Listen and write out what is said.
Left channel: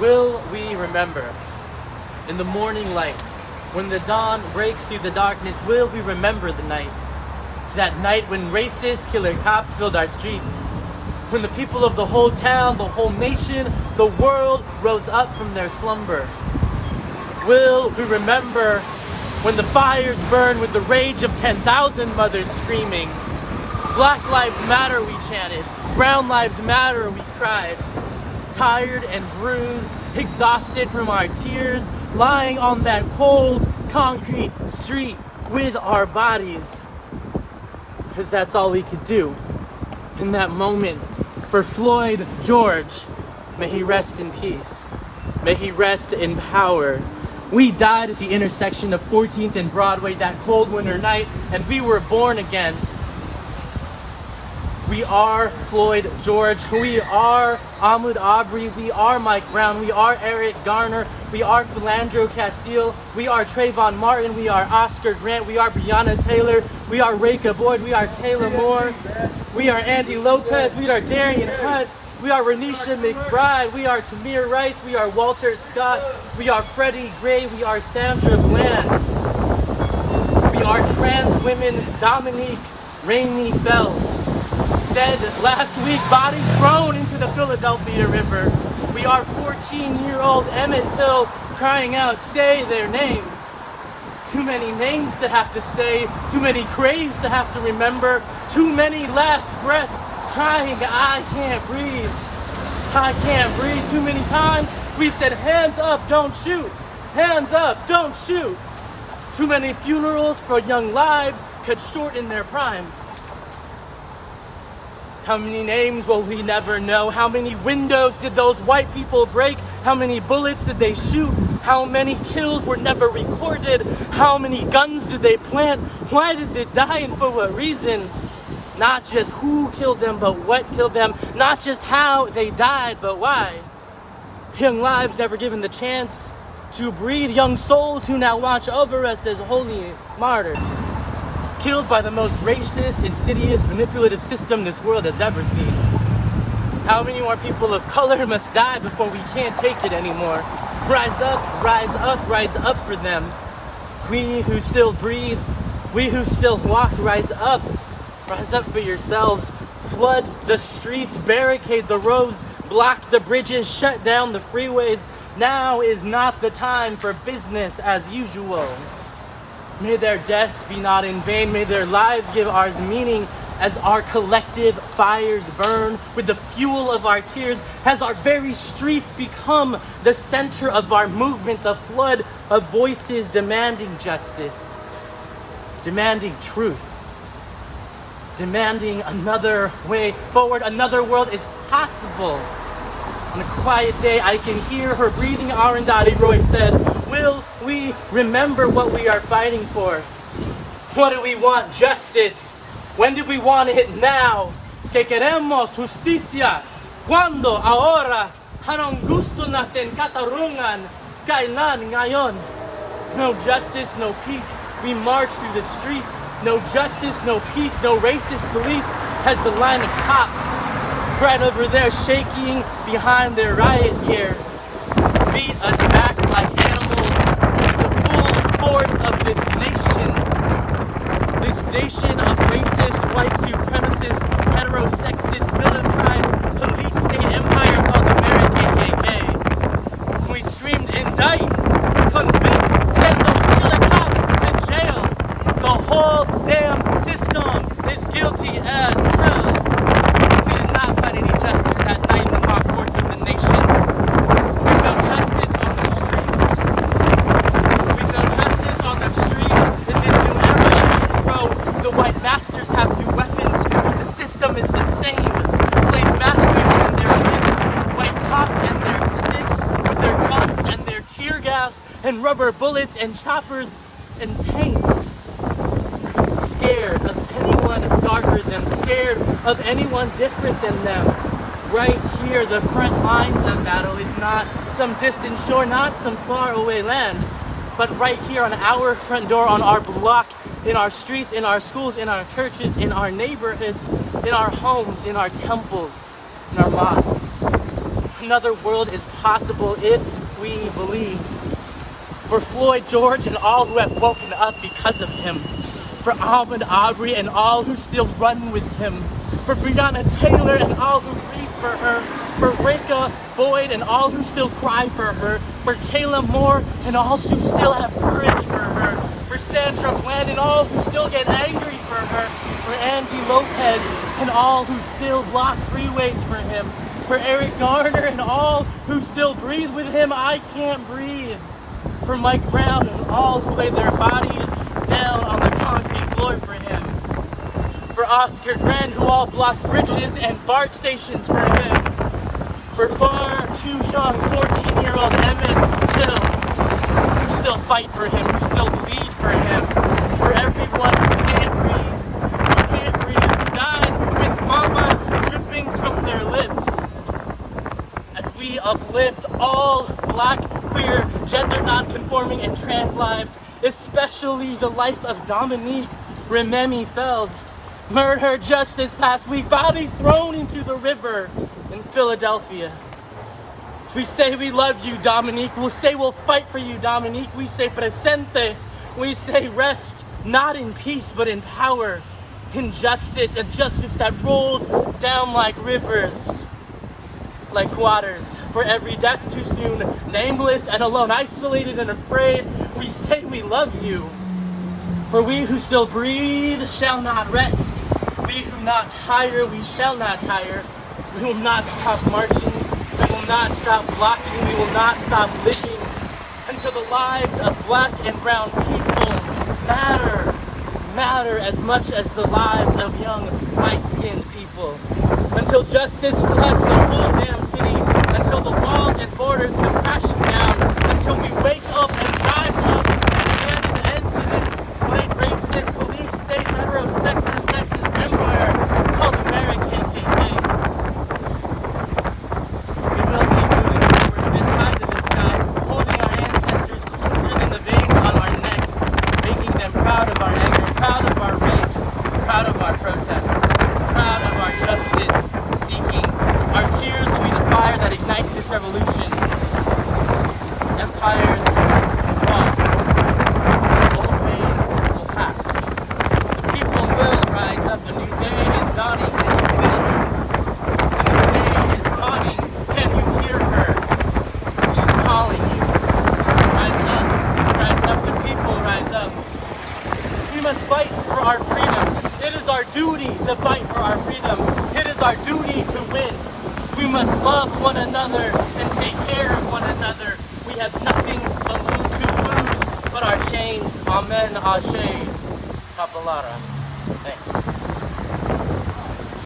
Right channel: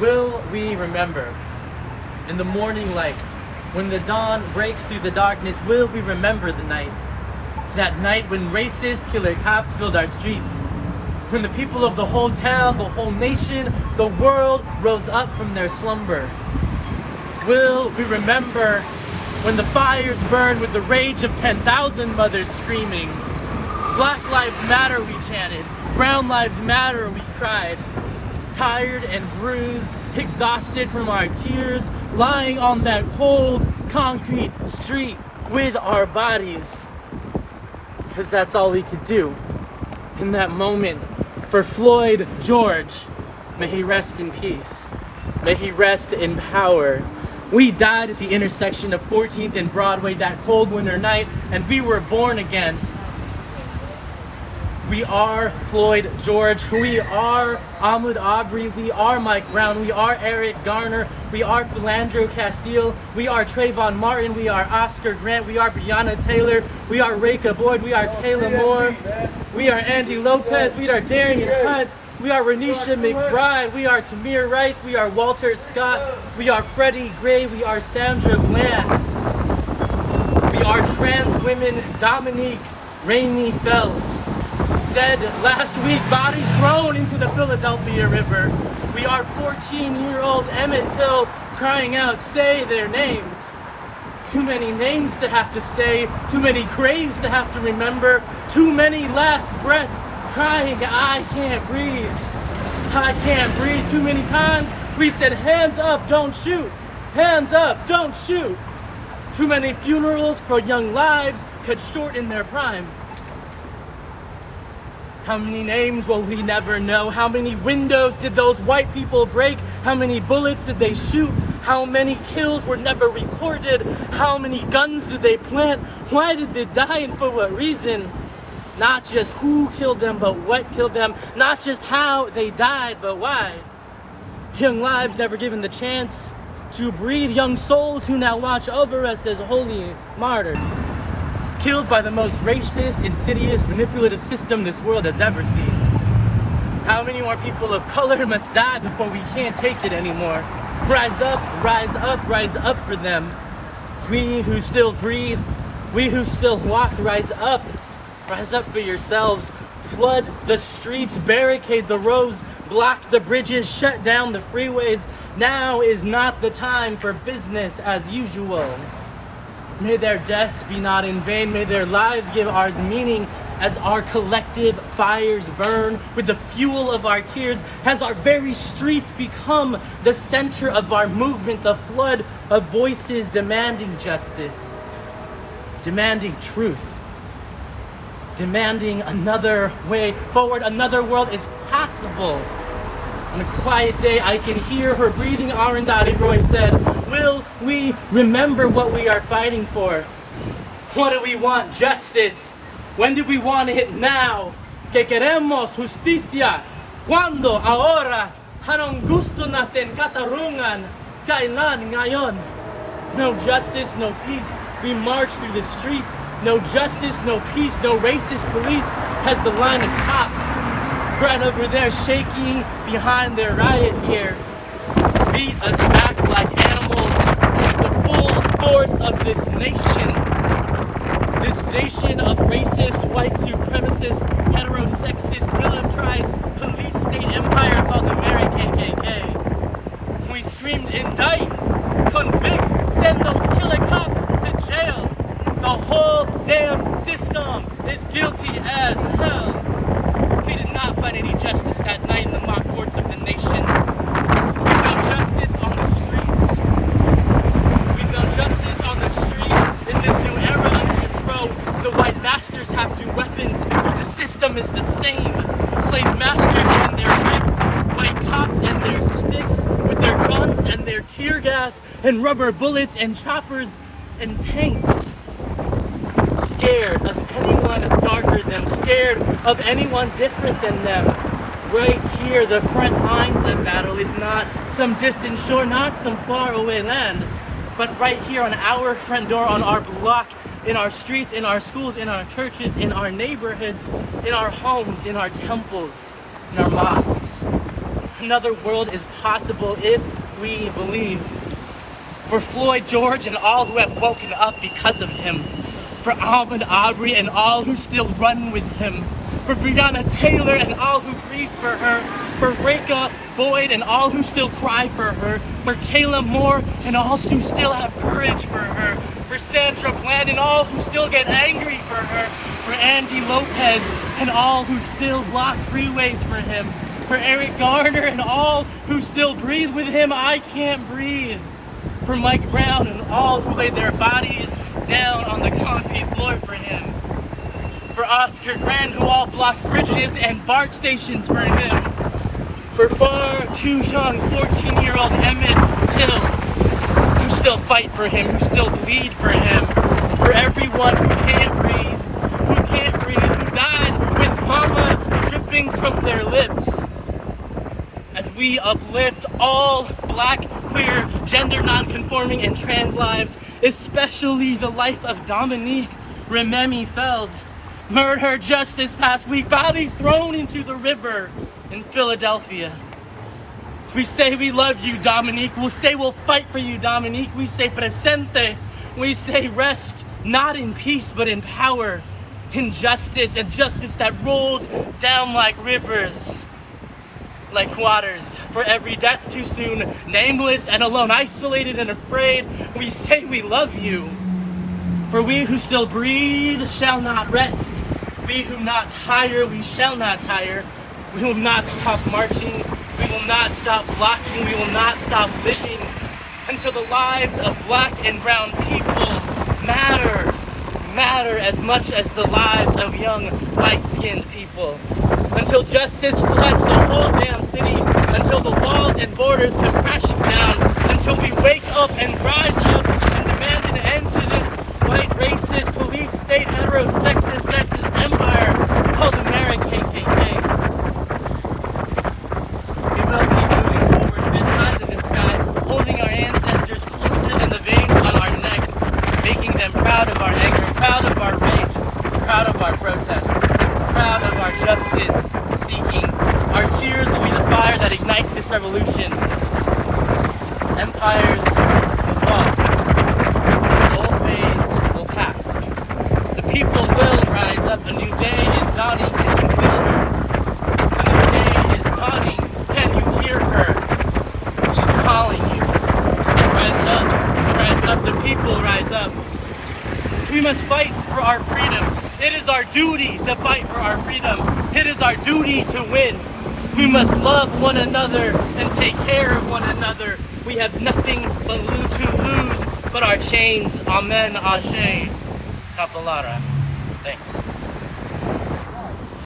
Will we remember? In the morning light, when the dawn breaks through the darkness, will we remember the night? That night when racist killer cops filled our streets. When the people of the whole town, the whole nation, the world rose up from their slumber. Will we remember when the fires burned with the rage of 10,000 mothers screaming? Black Lives Matter, we chanted. Brown Lives Matter, we cried. Tired and bruised, exhausted from our tears, lying on that cold, concrete street with our bodies. Because that's all we could do in that moment. For Floyd George, may he rest in peace. May he rest in power. We died at the intersection of 14th and Broadway that cold winter night, and we were born again. We are Floyd George. We are Ahmaud Arbery. We are Mike Brown. We are Eric Garner. We are Philandro Castile. We are Trayvon Martin. We are Oscar Grant. We are Breonna Taylor. We are Reka Boyd. We are Kayla Moore. We are Andy Lopez. We are Darian Hunt. We are Renisha McBride. We are Tamir Rice. We are Walter Scott. We are Freddie Gray. We are Sandra Bland. We are trans women Dominique Rainey Fells. Dead last week, body thrown into the Philadelphia River. We are 14-year-old Emmett Till crying out, say their names. Too many names to have to say, too many graves to have to remember, too many last breaths crying, I can't breathe. I can't breathe. Too many times we said, hands up, don't shoot. Hands up, don't shoot. Too many funerals for young lives cut short in their prime. How many names will we never know? How many windows did those white people break? How many bullets did they shoot? How many kills were never recorded? How many guns did they plant? Why did they die and for what reason? Not just who killed them, but what killed them. Not just how they died, but why. Young lives never given the chance to breathe. Young souls who now watch over us as holy martyrs. Killed by the most racist, insidious, manipulative system this world has ever seen. How many more people of color must die before we can't take it anymore? Rise up, rise up, rise up for them. We who still breathe, we who still walk, rise up. Rise up for yourselves. Flood the streets, barricade the roads, block the bridges, shut down the freeways. Now is not the time for business as usual. May their deaths be not in vain. May their lives give ours meaning as our collective fires burn with the fuel of our tears, as our very streets become the center of our movement, the flood of voices demanding justice, demanding truth, demanding another way forward. Another world is possible. On a quiet day, I can hear her breathing. Arundhati Roy said, will we remember what we are fighting for? What do we want? Justice. When do we want it? Now. Que queremos justicia. Cuando? Ahora. Anong gusto natin katarungan? Kailan ngayon? No justice, no peace. We march through the streets. No justice, no peace, no racist police has the line of cops right over there shaking behind their riot gear. Beat us back like animals with the full force of this nation. This nation of racist, white supremacist, heterosexist, militarized police state empire called American KKK. We screamed, indict, convict, send those killer cops to jail. The whole damn system is guilty as hell. We did not find any justice that night in the mock courts of the nation. We found justice on the streets. We found justice on the streets in this new era of Jim Crow. The white masters have new weapons, but the system is the same. Slave masters and their whips, white cops and their sticks, with their guns and their tear gas and rubber bullets and choppers and tanks. Scared of anyone darker than them, scared of anyone different than them. Right here, the front lines of battle is not some distant shore, not some far away land, but right here on our front door, on our block, in our streets, in our schools, in our churches, in our neighborhoods, in our homes, in our temples, in our mosques. Another world is possible if we believe. For Floyd George and all who have woken up because of him. For Ahmaud Arbery and all who still run with him. For Breonna Taylor and all who grieve for her. For Reka Boyd and all who still cry for her. For Kayla Moore and all who still have courage for her. For Sandra Bland and all who still get angry for her. For Andy Lopez and all who still block freeways for him. For Eric Garner and all who still breathe with him. I can't breathe. For Mike Brown and all who laid their bodies down on the concrete floor for him. For Oscar Grant who all blocked bridges and BART stations for him. For far too young 14-year-old Emmett Till who still fight for him, who still bleed for him. For everyone who can't breathe, who died with mama dripping from their lips. As we uplift all Black, queer, gender non-conforming, and trans lives, especially the life of Dominique Rememi Fells, murdered just this past week, body thrown into the river in Philadelphia. We say we love you, Dominique. We'll say we'll fight for you, Dominique. We say presente. We say rest, not in peace, but in power, in justice, and justice that rolls down like rivers, like waters. For every death too soon, nameless and alone, isolated and afraid, we say we love you. For we who still breathe shall not rest. We who not tire, we shall not tire. We will not stop marching. We will not stop blocking. We will not stop living until the lives of Black and brown people matter as much as the lives of young white-skinned people. Until justice floods the whole damn city, until the walls and borders come crashing down, until we wake up and rise up and demand an end to this white racist police state sexist empire called American KKK. We will keep moving forward this side of the sky, holding our ancestors closer than the veins on our neck, making them proud of our anger, proud of our rage, proud of our protest, proud of our justice seeking. Our tears will be the fire that ignites this revolution. Empires will fall. Old days will pass. The people will rise up. A new day is dawning. Can you feel her? A new day is dawning. Can you hear her? She's calling you. Rise up, the people rise up. We must fight for our freedom. It is our duty to fight for our freedom. It is our duty to win. We must love one another and take care of one another. We have nothing to lose but our chains. Amen, Ashe, Kapalara. Thanks.